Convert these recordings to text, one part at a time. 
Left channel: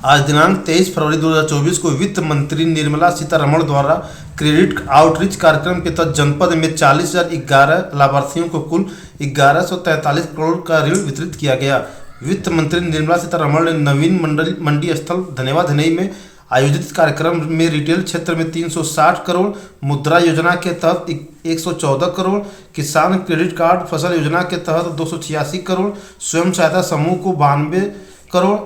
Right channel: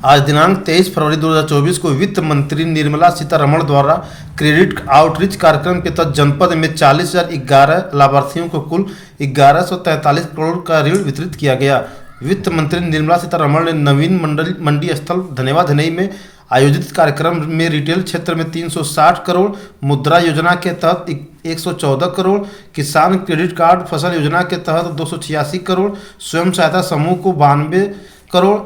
आज दिनांक 23 फरवरी 2024 को वित्त मंत्री निर्मला सीतारमण द्वारा क्रेडिट आउटरीच कार्यक्रम के तहत जनपद में 40,011 लाभार्थियों को कुल 1143 करोड़ का ऋण वितरित किया गया। वित्त मंत्री निर्मला सीतारमण ने नवीन मंडी स्थल धनेवा धनई में आयोजित कार्यक्रम में रिटेल क्षेत्र में 360 करोड़, मुद्रा योजना के तहत 114 करोड़, किसान क्रेडिट कार्ड फसल योजना के तहत 286 करोड़, स्वयं सहायता समूह को 92 करोड़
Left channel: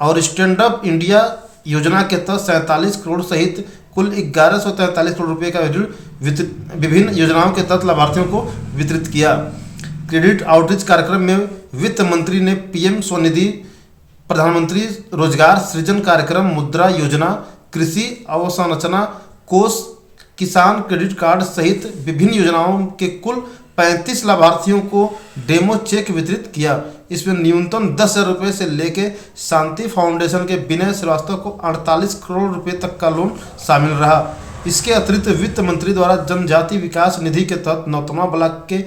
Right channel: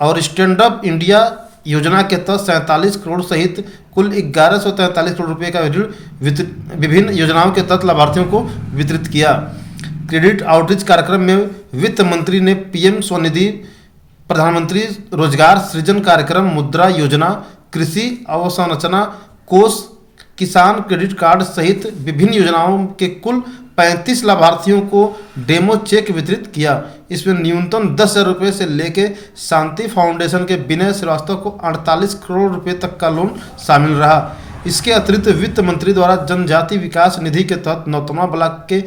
और स्टैंड अप इंडिया योजना के तहत 47 करोड़ सहित कुल 1143 करोड़ रुपए का ऋण विभिन्न योजनाओं के तहत लाभार्थियों को वितरित किया। क्रेडिट आउटरीच कार्यक्रम में वित्त मंत्री ने पीएम स्वनिधि, प्रधानमंत्री रोजगार सृजन कार्यक्रम, मुद्रा योजना, कृषि अवसंरचना कोष, किसान क्रेडिट कार्ड सहित विभिन्न योजनाओं के कुल 35 लाभार्थियों को डेमो चेक वितरित किया। इसमें न्यूनतम 10,000 रुपये से लेकर शांति फाउंडेशन के विनय श्रीवास्तव को 48 करोड़ रुपए तक का लोन शामिल रहा। इसके अतिरिक्त वित्त मंत्री द्वारा जनजाति विकास निधि के तहत नौतमा ब्लॉक के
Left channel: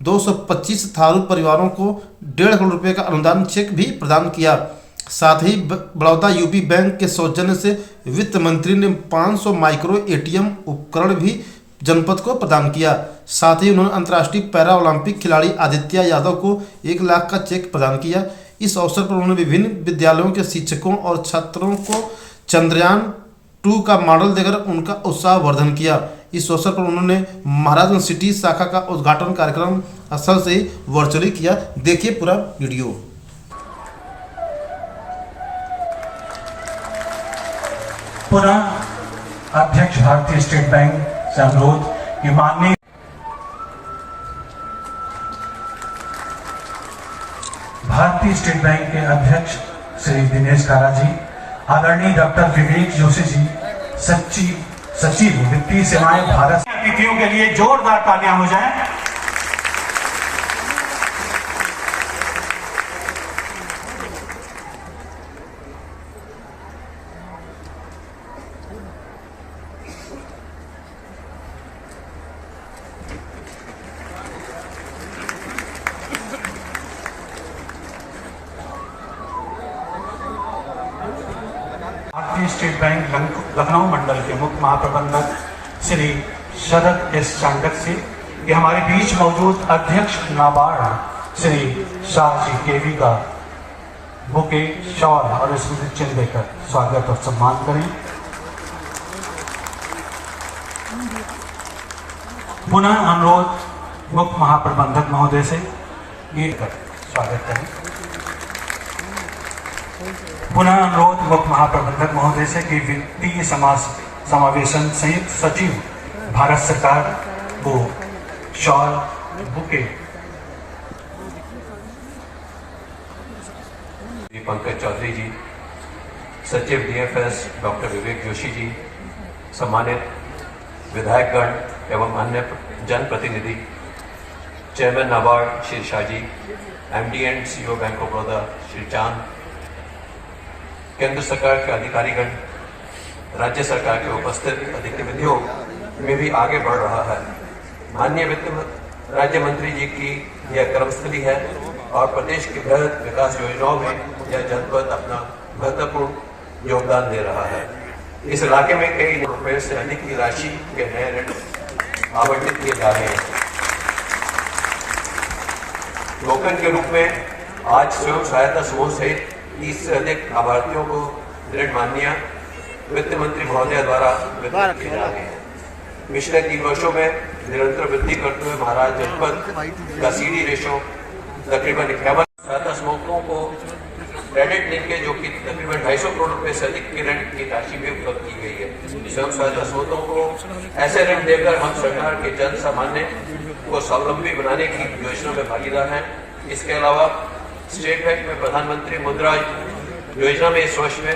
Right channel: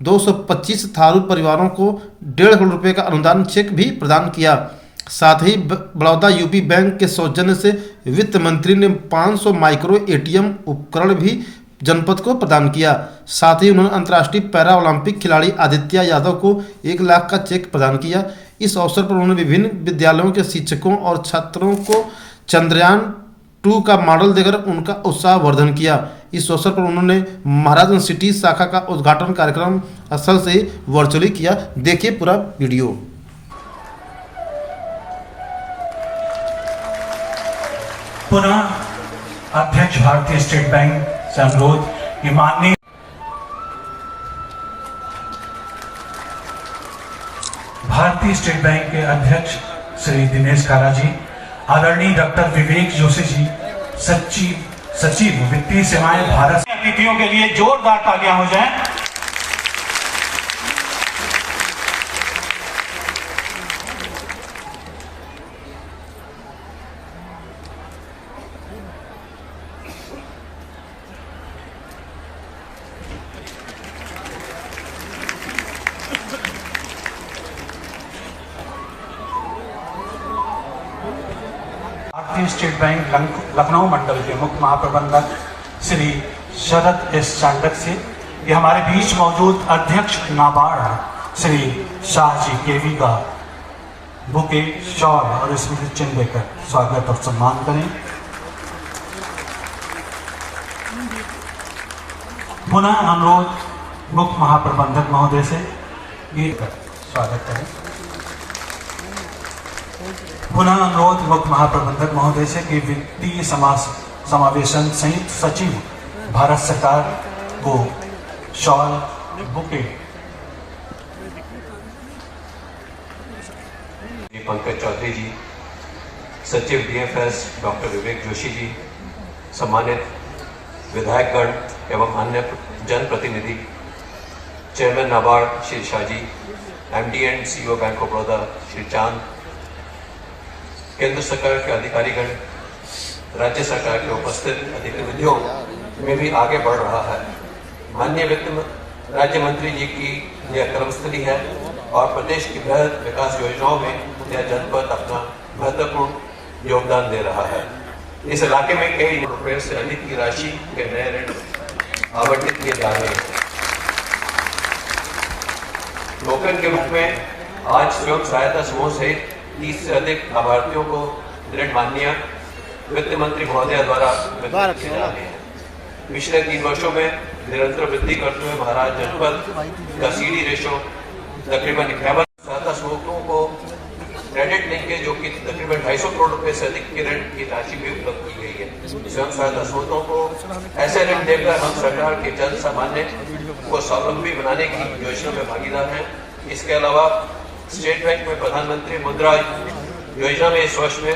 225 थारू परिवारों को 1.5 करोड़ रुपए का अनुदान चेक भी प्रदान किया। साथ ही बड़ौदा यूपी बैंक के सौजन्य से वित्त मंत्री ने 500 माइक्रो एटीएम उपकरण भी जनपद को प्रदान किया। साथ ही उन्होंने अंतर्राष्ट्रीय पैरा ओलंपिक खिलाड़ी आदित्य यादव को 1 लाख का चेक प्रदान किया। इस अवसर पर उन्होंने विभिन्न विद्यालयों के शिक्षकों और छात्रों को चंद्रयान 2 का मॉडल देकर उनका उत्साहवर्धन किया। इस अवसर पर उन्होंने महाराजगंज सिटी शाखा का उद्घाटन कार्यक्रम स्थल से वर्चुअली किया। देखिए पूरा वीडियो। पुनः अध्यक्ष भारतीय स्टेट बैंक से अनुरोध कि माननीय भारतीय स्टेट बैंक के अध्यक्ष श्री दिनेश कारा जी, आदरणीय डॉक्टर विवेक जोशी जी, सचिव वित्तीय सेवाएं भारत, अतिथियों के लिए जोरदार तालियां हो जाएं। भारतीय स्टेट बैंक लखनऊ मंडल के मुख्य महाप्रबंधक श्री शरद एस चांडक से ये हमारे बीच मौजूद अध्यक्ष नाबार्ड श्री शाह जी केवी का बुके, शॉल और स्मृति चिन्ह देकर स्वागत और सम्मान करें। पुनः अनुरोध मुख्य महाप्रबंधक महोदय से ये स्वागत करें। पुनः अनुरोध मुख्य महाप्रबंधक महोदय से कि वित्तीय समावेशन संयुक्त सचिव भारत सरकार को शॉल, बुके। पंकज चौधरी जी, सचिव डीएफएस डॉक्टर विवेक जोशी जी, सम्मानित विधायकगण एवं अन्य जनप्रतिनिधि, chairman NABARD Shri Shah ji, MD and CEO bank of Baroda Shri Chand, केंद्र सरकार के अधिकारीगण, राज्य सरकार के उपस्थित अधिकारियों में भी आगे बढ़ रहा है। माननीय वित्त राज्य मंत्री जी की यह कर्मस्थली है और प्रदेश की बृहद विकास योजनाओं में यह जनपद अपना महत्वपूर्ण योगदान दे रहा है। इस इलाके में कई रुपए से अधिक की राशि के नए ऋण आवंटित किए जा रहे हैं। टोकन के रूप में आज स्वयं सहायता समूह सहित 30 से अधिक लाभार्थियों को ऋण मान्य वित्त मंत्री महोदय द्वारा वितरित किए जा रहे हैं। पिछले 3 वर्षों में निरंतर वृद्धि करते हुए महाराज जनपद का सीडी रेशो तकरीबन 51 सहायता समूहों को क्रेडिट लिंकेज जो कि तकरीबन 250 करोड़ रुपए से अधिक की ऋण की राशि भी उपलब्ध की गई है। स्वयं सहायता समूहों को ऐसे ऋण देकर हम सरकार के जन सामान्य को स्वावलंबी बनाने की योजना में भागीदार हैं। इसके अलावा स्टेट बैंक में प्रधानमंत्री मुद्रा योजना में इस वर्ष में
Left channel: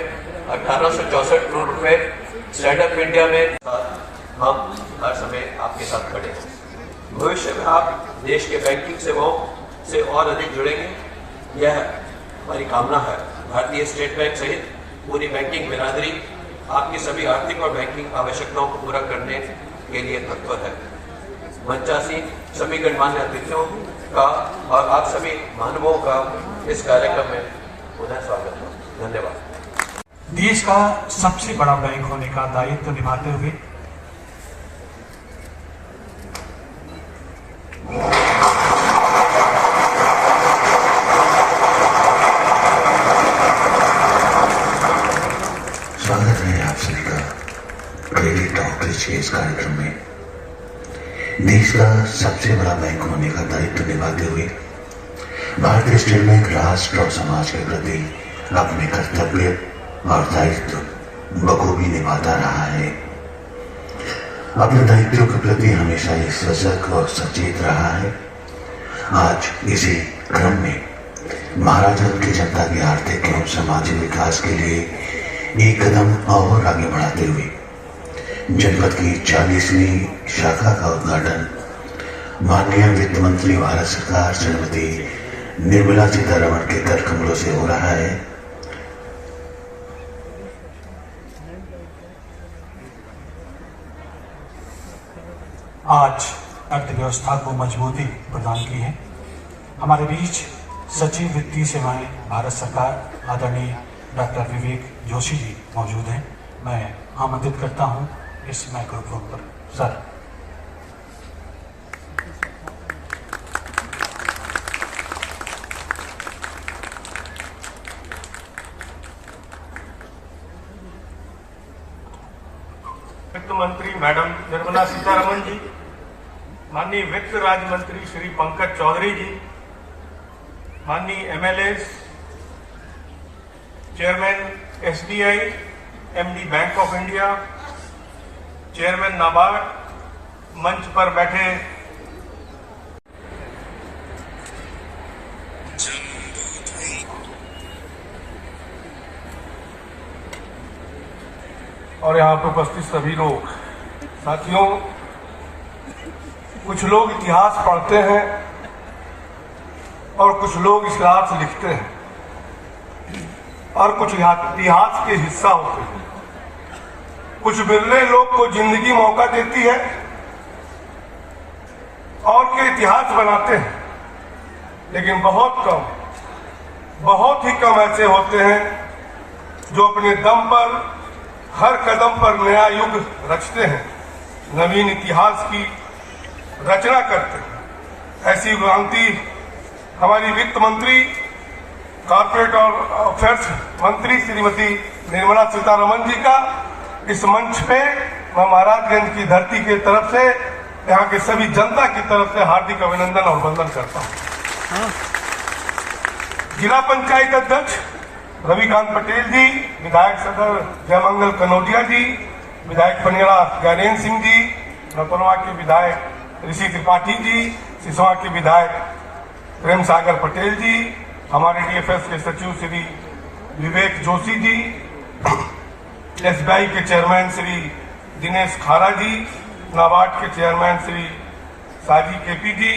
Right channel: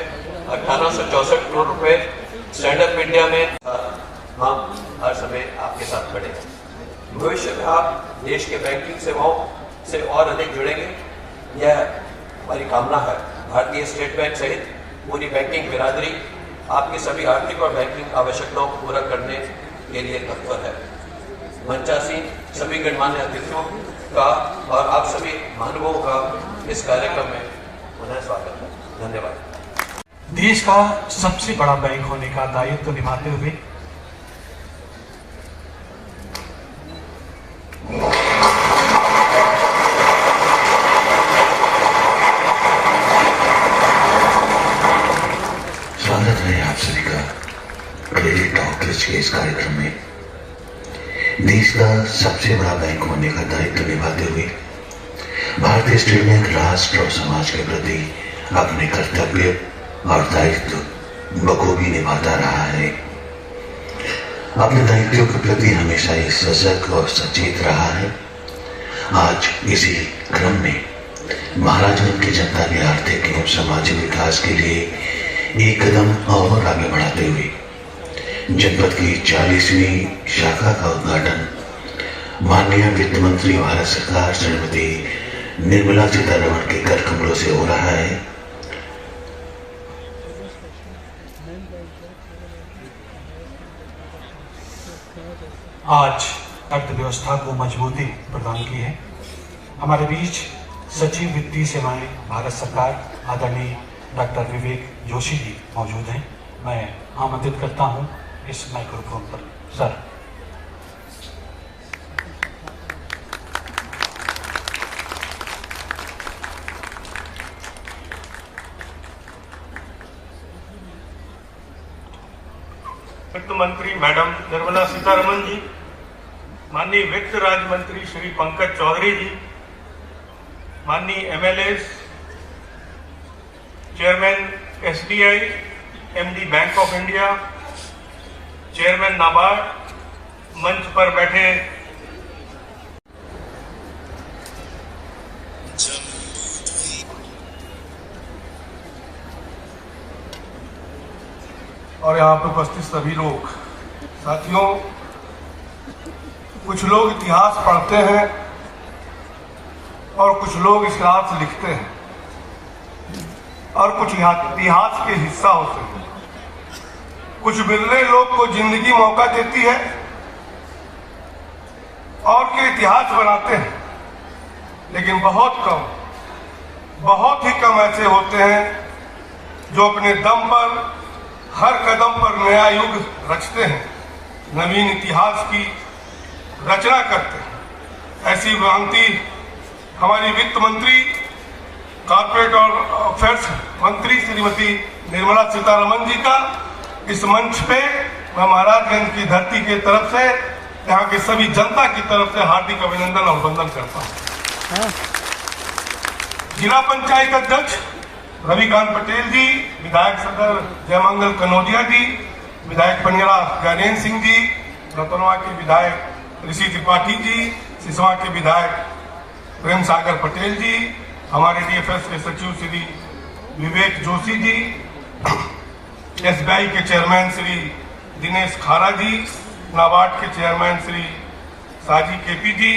1864 करोड़ रुपए, स्टैंड अप इंडिया में हम हर समय आपके साथ खड़े हैं। भविष्य में आप देश के बैंकिंग सेवाओं से और अधिक जुड़ेंगे, यह हमारी कामना है। भारतीय स्टेट बैंक सहित पूरी बैंकिंग बिरादरी आपकी सभी आर्थिक और बैंकिंग आवश्यकताओं को पूरा करने के लिए तत्पर है। मंचासी सभी गणमान्य अतिथियों का और आप सभी महानुभावों का इस कार्यक्रम में पुनः स्वागत है। धन्यवाद। देश का सबसे बड़ा बैंक होने का दायित्व निभाते हुए स्वागत है आप सभी का क्रेडिट आउटरीच के इस कार्यक्रम में। देश का सबसे बड़ा बैंक होने का दायित्व निभाते हुए भारतीय स्टेट बैंक राष्ट्र और समाज के प्रति अपने कर्तव्य और दायित्व बखूबी निभाता रहा है। अपने दायित्वों के प्रति हमेशा ही सजग और सचेत रहा है। आज इसी क्रम में महाराजगंज की जनता के आर्थिक एवं सामाजिक विकास के लिए एक कदम और आगे बढ़ाते हुए जनपद की 40वीं शाखा का उद्घाटन माननीय वित्त मंत्री भारत सरकार श्रीमती निर्मला सीतारमण के कर कमलों से हो रहा है। आज अर्थव्यवस्था को मजबूती प्रदान की है। हमारे बीच सचिव वित्तीय सेवाएं भारत सरकार आदरणीय डॉक्टर विवेक जोशी जी मौजूद हैं। मैं आमंत्रित करता हूं इस माइक्रोफोन पर। सर। वित्त मंत्री मैडम निर्मला सीतारमण जी, माननीय वित्त राज्य मंत्री श्री पंकज चौधरी जी, माननीय MLS, chairman SBI, MD bank of India, chairman NABARD, मंच पर बैठे और यहाँ पर उपस्थित सभी लोग, साथियों, कुछ लोग इतिहास पढ़ते हैं और कुछ लोग इतिहास लिखते हैं और कुछ इतिहास के हिस्सा होते हैं। कुछ बिरले लोग को जिंदगी मौका देती है और के इतिहास बनाते हैं, लेकिन बहुत ही कम ऐसे होते हैं जो अपने दम पर हर कदम पर नया युग रचते हैं, नवीन इतिहास की रचना करते हैं। ऐसी भ्रांति हमारी वित्त मंत्री, कॉर्पोरेट और अफेयर्स मंत्री श्रीमती निर्मला सीतारमण जी का इस मंच पे मैं महाराजगंज की धरती की तरफ से, यहाँ के सभी जनता की तरफ से हार्दिक अभिनंदन और वंदन करता हूँ। जिला पंचायत अध्यक्ष रविकांत पटेल जी, विधायक सदर जयमंगल कनौजिया जी, विधायक पनियारा ज्ञानेन्द्र सिंह जी, रतनवा के विधायक ऋषि त्रिपाठी जी, सिसवा के विधायक प्रेम सागर पटेल जी, हमारे डीएफएस के सचिव श्री विवेक जोशी जी, एसबीआई के चेयरमैन श्री दिनेश खारा जी, नाबार्ड के chairman Shri Saji KP ji,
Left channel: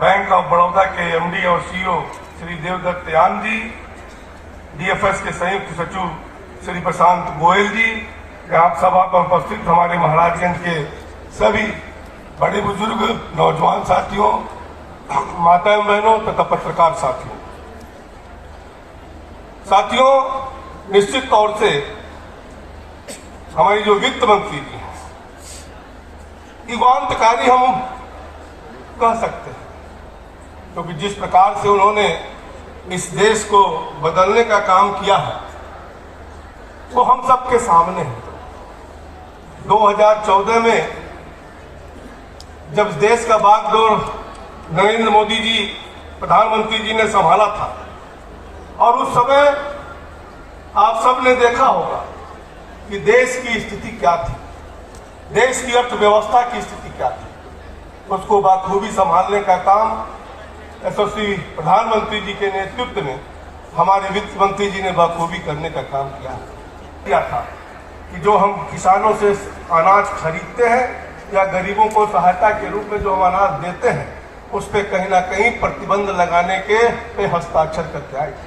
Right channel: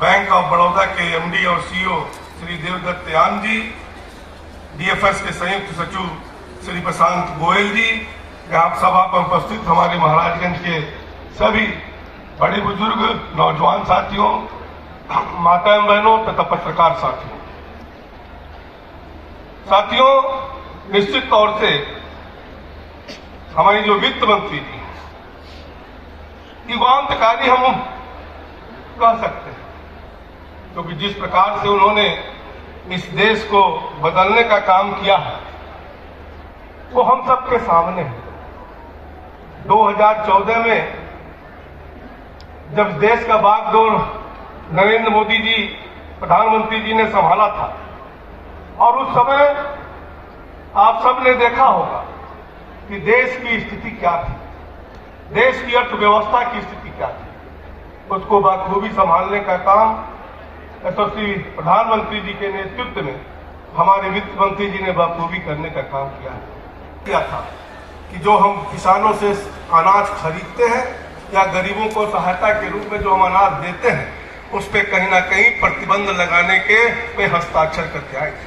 bank of Baroda के एमडी और सीईओ श्री देवदत्त यान जी, डीएफएस के संयुक्त सचिव श्री प्रशांत गोयल जी, यहाँ सभा पर उपस्थित हमारे महाराजगंज के सभी बड़े बुजुर्ग, नौजवान साथियों, माताएं बहनों तथा पत्रकार साथियों, निश्चित तौर से हमारी जो वित्त मंत्री जी युगांतकारी हम कह सकते हैं, क्योंकि जिस प्रकार से उन्होंने इस देश को बदलने का काम किया है वो हम सबके सामने है। 2014 में जब देश का बागडोर नरेंद्र मोदी जी प्रधानमंत्री जी ने संभाला था और उस समय आप सबने देखा होगा कि देश की स्थिति क्या थी, देश की अर्थव्यवस्था की स्थिति क्या थी। उसको बखूबी संभालने का काम यशस्वी प्रधानमंत्री जी के नेतृत्व में हमारे वित्त मंत्री जी ने बखूबी करने का काम किया था कि जो हम किसानों से अनाज खरीदते हैं या गरीबों को सहायता के रूप में जो हम अनाज देते हैं, उस पर कहीं ना कहीं प्रतिबंध लगाने के पे हस्ताक्षर करके आए थे।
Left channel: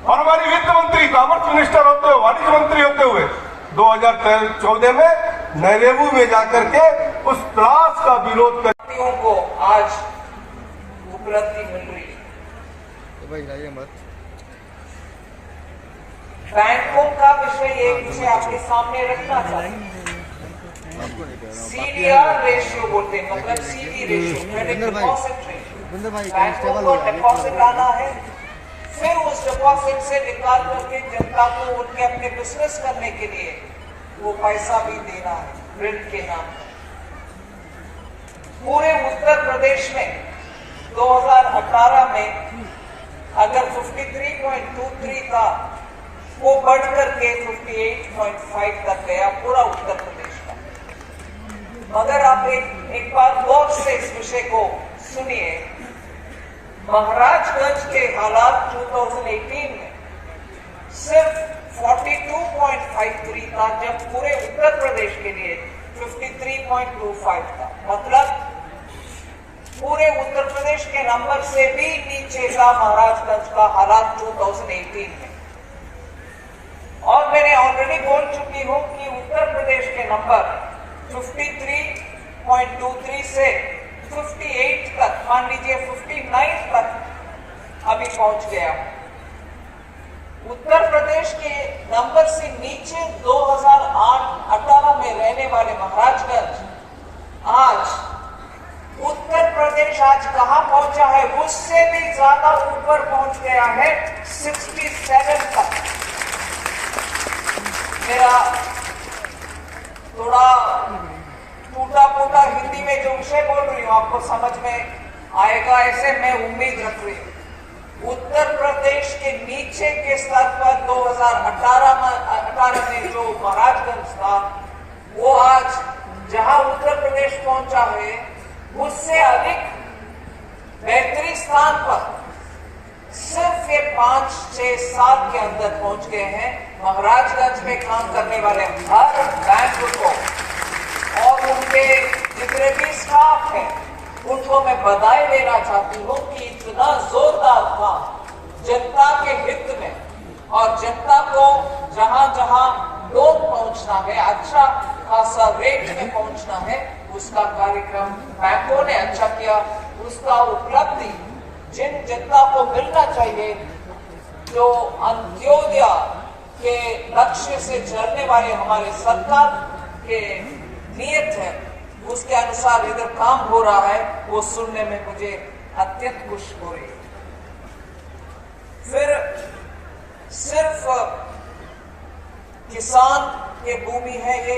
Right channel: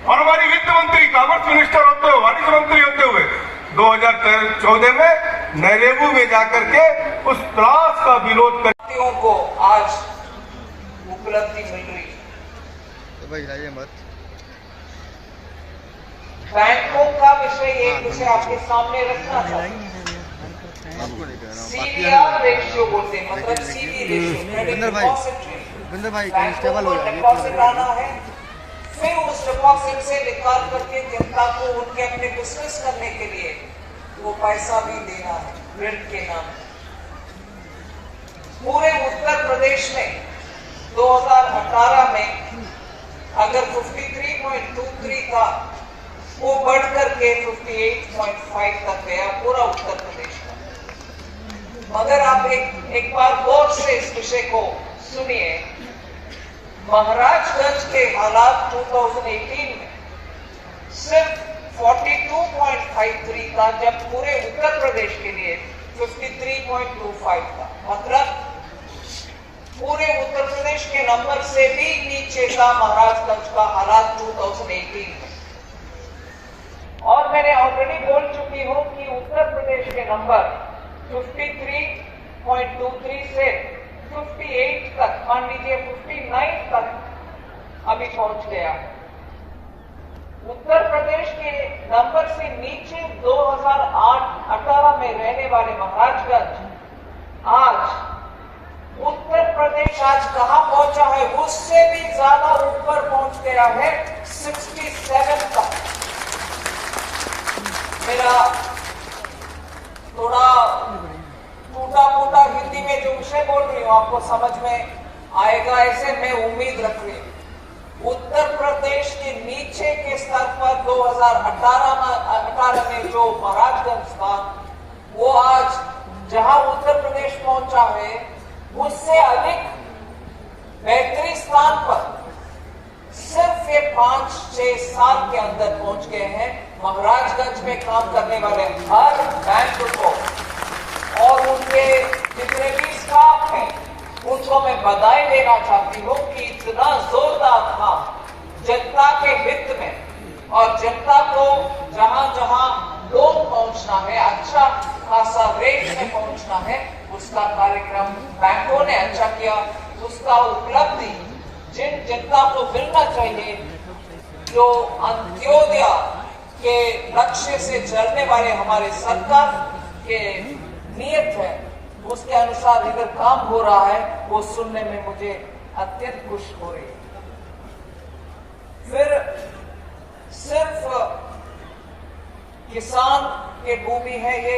और हमारी वित्त मंत्री, कॉमर्स मिनिस्टर होते हुए, वाणिज्य मंत्री होते हुए 2014 में नैरेबू में जाकर के उस क्लास का विरोध कर को आज उपलब्धि मिल रही है। भाई लाइए मत। बैंकों का विषय एक विषय आपके सामने रखना चाहती हूँ। CDR रेशियो बोलते हैं, मतलब CD ratio, credit deposit ratio. बैंकों को डिपॉजिट आना है, फिर उस डिपॉजिट से निकाल करके जनता को उनके अपने बिजनेस करने के लिए वो पैसा भी देना है ऋण के नाम। पूरे उत्तर प्रदेश में 2018 में अगर 53.23 था, वो बढ़ करके 58.5 तक गया पूरा उत्तर प्रदेश का। मगर आप एक बार गौर से इस विषय को सुनिए। महाराजगंज के हालात 2018 में सिर्फ 42.53 था, जब पूरे उत्तर प्रदेश के लिए 53.25 था। मतलब पूरे उत्तर प्रदेश के नंबर से भी नीचे का महाराजगंज का हालात 2018 में। और मैंने ऑलरेडी बोल चुकी हूं कि उत्तर प्रदेश के नंबर 53.23 से 58 तक, मान लीजिए 59 तक अभी पहुंच गया। उत्तर प्रदेश के नंबर से नीचे 2008-18 में रहने वाले महाराजगंज आज उत्तर प्रदेश आज कहां पहुंचा है, उससे भी ज्यादा ऊपर पहुंच गया है 67 तक। मेरा थोड़ा टूटा फूटा हिंदी में जो विषय बोल रही हूँ आपको समझ में आएगा, ऐसे मैं उम्मीद रख रही हूँ। उत्तर प्रदेश के नीचे के स्तर पर 2018 में जो महाराजगंज था, वो आज जहां उत्तर प्रदेश पहुंचा है उससे अधिक बेहतरीन स्थान पर सिर्फ ये 5-6 साल के अंदर पहुंच गए हैं। महाराजगंज में काम करने वाले हर बैंक को और उनके जितने भी स्टाफ हैं उनको मैं बधाई देना चाहती हूँ कि इतना जोरदार काम जनता के हित में और जनता को जहां जहां लोन पहुंचना है, अच्छा खासा रेट में पहुंचना है, उसका कार्यक्रम बैंकों ने अच्छा किया। उसका उपलब्धि जिन जनता को मिलना चाहिए, जो अंत्योदय के लक्ष्य से चलने वाले हमारे सरकार के नियत है, उसके अनुसार इधर काम हो रहा है, वो सुनने में मुझे अत्यंत खुश हो रही है। फिर सिर्फ किसान के भूमि है, ये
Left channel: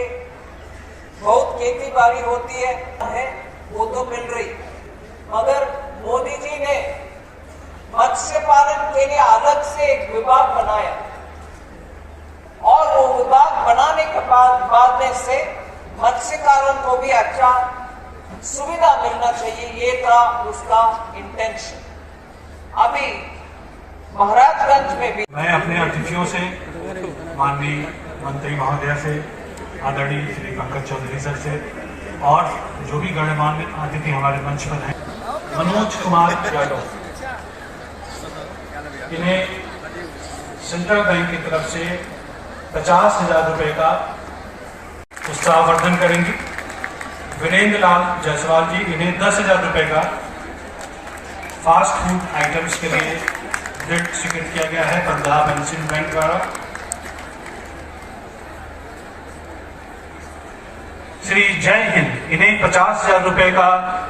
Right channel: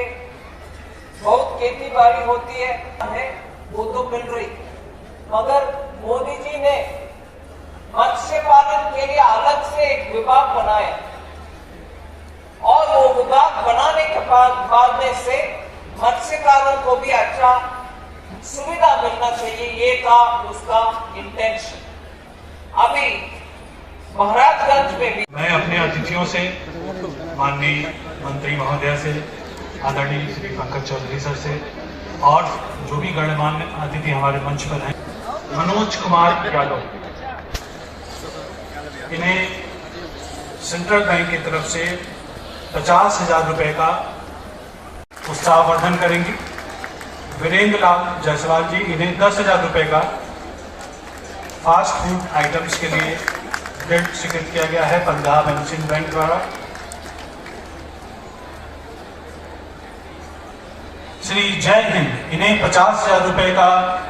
बहुत खेती बाड़ी होती है वो तो मिल रही, मगर मोदी जी ने मत्स्य पालन के लिए अलग से एक विभाग बनाया और वो विभाग बनाने के बाद में से मत्स्यकारों को भी अच्छा सुविधा मिलना चाहिए, ये था उसका इंटेंशन। अभी महाराजगंज में भी मैं अपने अतिथियों से, माननीय मंत्री महोदया से, आदरणीय श्री पंकज चौधरी सर से और जो भी गणमान्य अतिथि हमारे मंच पर हैं, मनोज कुमार यादव, इन्हें सेंट्रल बैंक की तरफ से 50,000 रुपए का उत्साहवर्धन करेंगे। वीरेंद्र लाल जायसवाल जी, इन्हें 10,000 रुपए का फास्ट फूड आइटम्स के लिए गिफ्ट स्वीकृत किया गया है पंजाब एंड सिंध बैंक द्वारा। श्री जय हिंद, इन्हें 50,000 रुपए का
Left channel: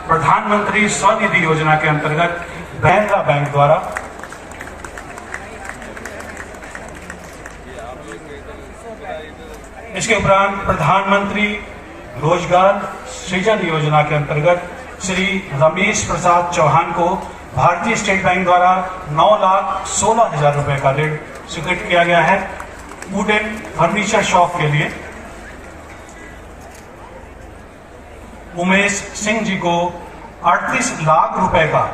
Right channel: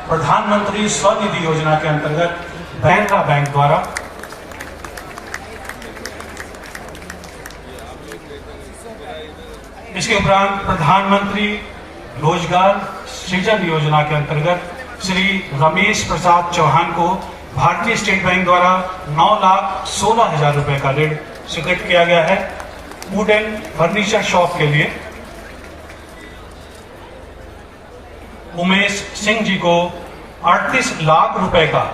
प्रधानमंत्री स्वनिधि योजना के अंतर्गत कैनरा बैंक द्वारा। इसके उपरांत प्रधानमंत्री रोजगार सृजन योजना के अंतर्गत श्री रमेश प्रसाद चौहान को भारतीय स्टेट बैंक द्वारा 9,16,000 रुपए का ऋण स्वीकृत किया गया है वुड एंड फर्नीचर शॉप के लिए। उमेश सिंह जी को 38 लाख रुपए का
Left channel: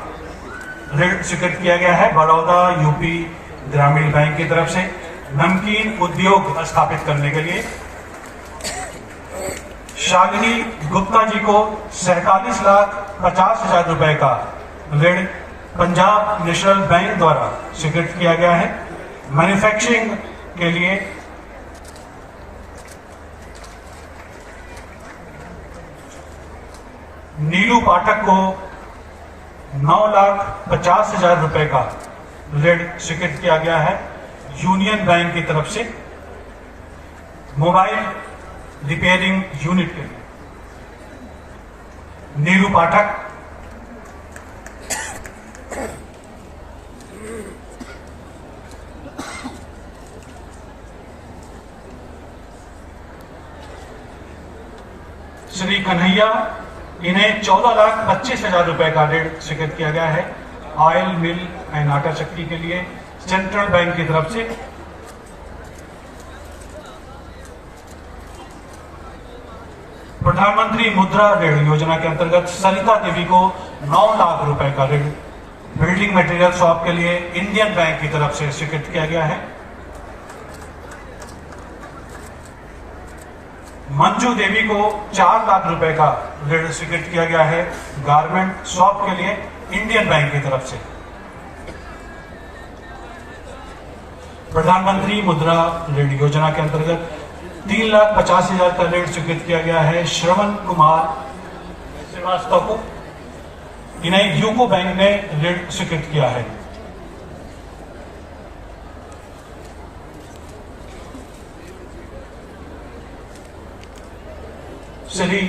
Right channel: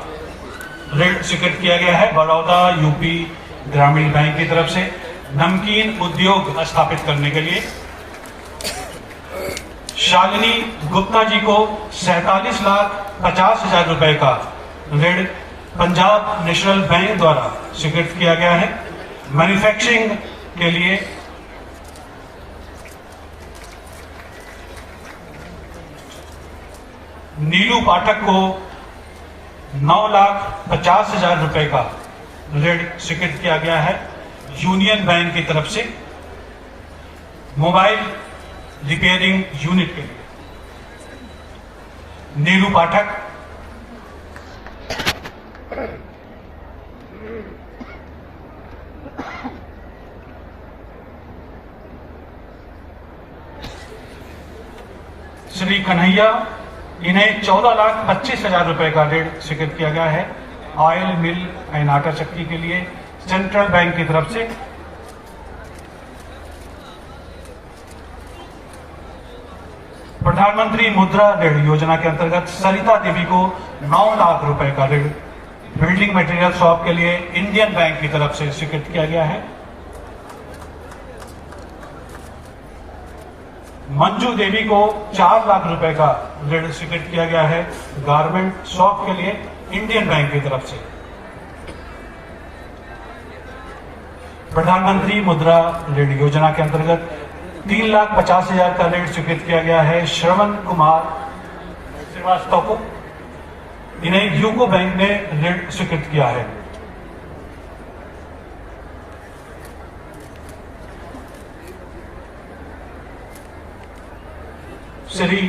ऋण स्वीकृत किया गया है बड़ौदा यूपी ग्रामीण बैंक की तरफ से नमकीन उद्योग स्थापित करने के लिए। शालिनी गुप्ता जी को 47,50,000 रुपए का ऋण पंजाब नेशनल बैंक द्वारा स्वीकृत किया गया है मैन्युफैक्चरिंग के लिए। नीलू पाठक को 9,50,000 रुपए का ऋण स्वीकृत किया गया है यूनियन बैंक की तरफ से मोबाइल रिपेयरिंग यूनिट के लिए नीरू पाठक, श्री कन्हैया, इन्हें 14,25,000 रुपए का ऋण स्वीकृत किया गया है ऑयल मिल एंड आटा चक्की के लिए सेंट्रल बैंक की तरफ से। प्रधानमंत्री मुद्रा ऋण योजना के अंतर्गत सरिता देवी को 9 लाख रुपए का ऋण बिल्डिंग मटेरियल शॉप के लिए इंडियन बैंक की तरफ से स्वीकृत किया गया है। मंजू देवी को 4 लाख रुपए का ऋण स्वीकृत किया गया है गारमेंट शॉप के लिए इंडियन बैंक की तरफ से। प्रधानमंत्री मुद्रा ऋण योजना के अंतर्गत 3,50,000 का ऋण स्वीकृत किया गया है श्रवण कुमार श्रीवास्तव को, इन्हें यूको बैंक ने ऋण स्वीकृत किया है। श्री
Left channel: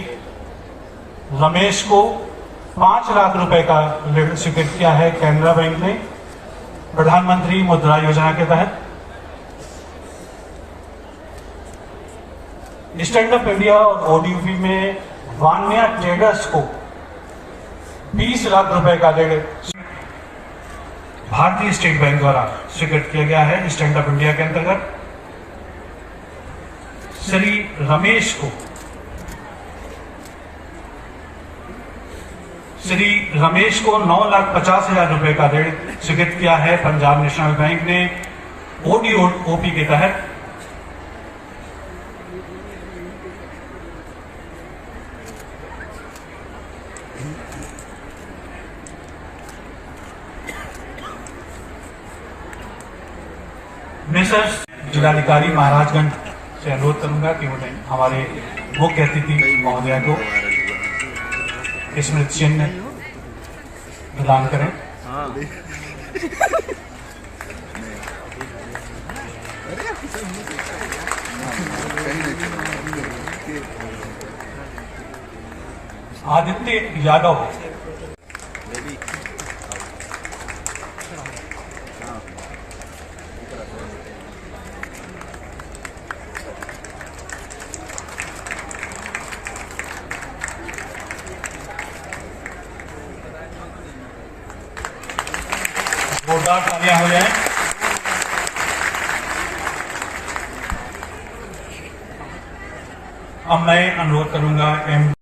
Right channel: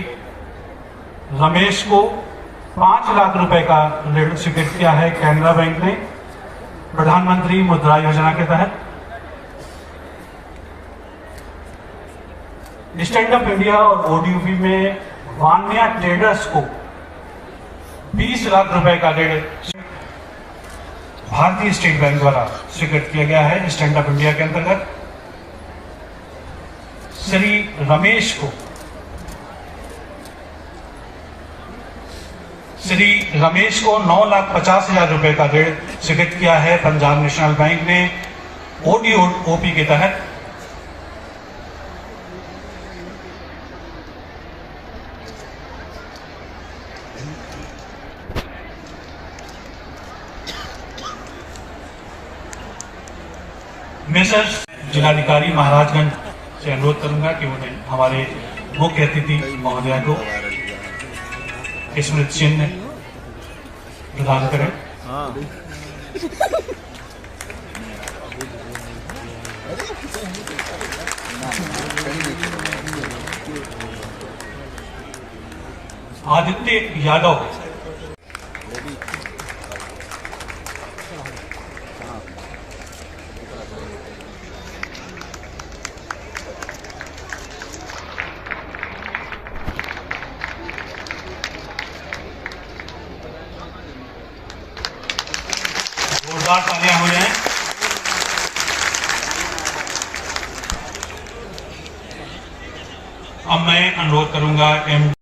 रमेश को 5 लाख रुपए का ऋण स्वीकृत किया है कैनरा बैंक ने प्रधानमंत्री मुद्रा योजना के तहत। स्टैंड अप इंडिया और ओडीयूपी में वान्या ट्रेडर्स को 20 लाख रुपए का ऋण भारतीय स्टेट बैंक द्वारा स्वीकृत किया गया है स्टैंड अप इंडिया के अंतर्गत। श्री रमेश को 9,50,000 रुपए का ऋण स्वीकृत किया है पंजाब नेशनल बैंक ने ओडीओपी के तहत। मिसेस जिलाधिकारी महाराजगंज से अनुरोध करूंगा कि उन्हें हमारे मुख्य अतिथि महोदया को स्मृति चिन्ह प्रदान करें। आदित्य यादव, जोरदार तालियां हो जाए। अब मैं अनुरोध करूंगा